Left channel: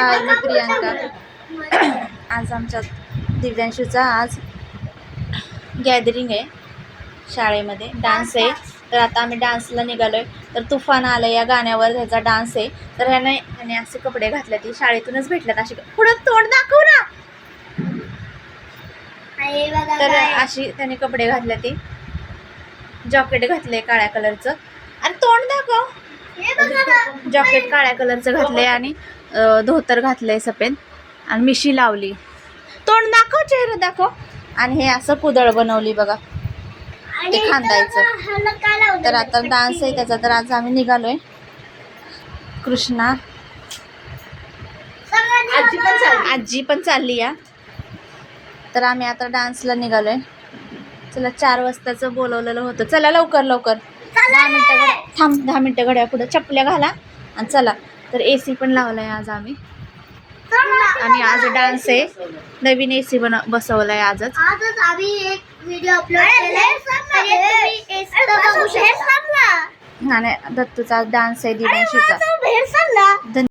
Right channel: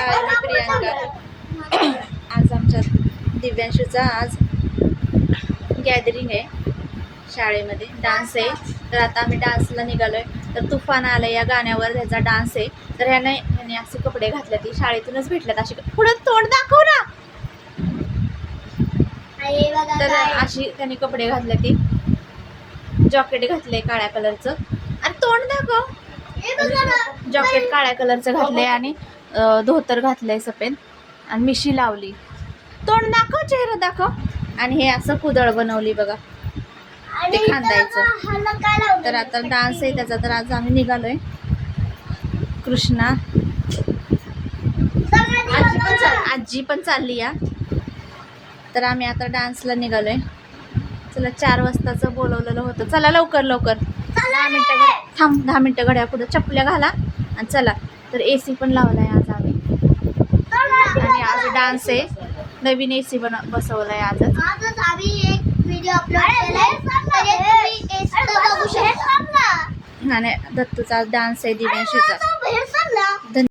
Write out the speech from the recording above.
हाय, मी प्रियांका. आज आमच्या दिव्यांशूचा आज गॅदरिंग आहे शाळेमध्ये, डान्स आहे. तर आता आम्ही डान्सला निघालोय. तर तुफान आलं या गाण्यावर, त्याचा डान्स आहे. तर ह्याने असे कपडे घातले, ती शाळेतूनच भेटल्यात. असे पुढं तोंड दाखव ना. तर अशी त्याने कपडे घातले, ती जॉकेट घातले काळ्या कलरचं. अरे तोंड दाखव. जॉकेट काळ्या कलरचं घातले आणि धोतर घातलंय सफेद आणि मिशी लावली. तोंड दाखव, चेहरा दाखव. आणि हे असं कुदळ बनवली बघा, ते खांदायचं. तर आता डान्स आहे त्याचा. तर आज आम्ही निघालोय. कृष्णा आजी पण चालली या. तर आम्ही आता डान्सला निघालोय. चला, 4 वाजताचं बोलवलेलं होतं. चला लवकर लवकर, 10 मिनटं थांब, 10 मिनटं घड्या पुढं चपल्या घाला आणि चला. तर AC पण लावलाय आज आम्ही. आणि आज डान्स आहे, नवीन AC बसवलाय आजच. आम्ही एक व्हिडिओ अपलोड केलाय, आणि दत्तूचा डान्स आहे, दिव्यांशीचा.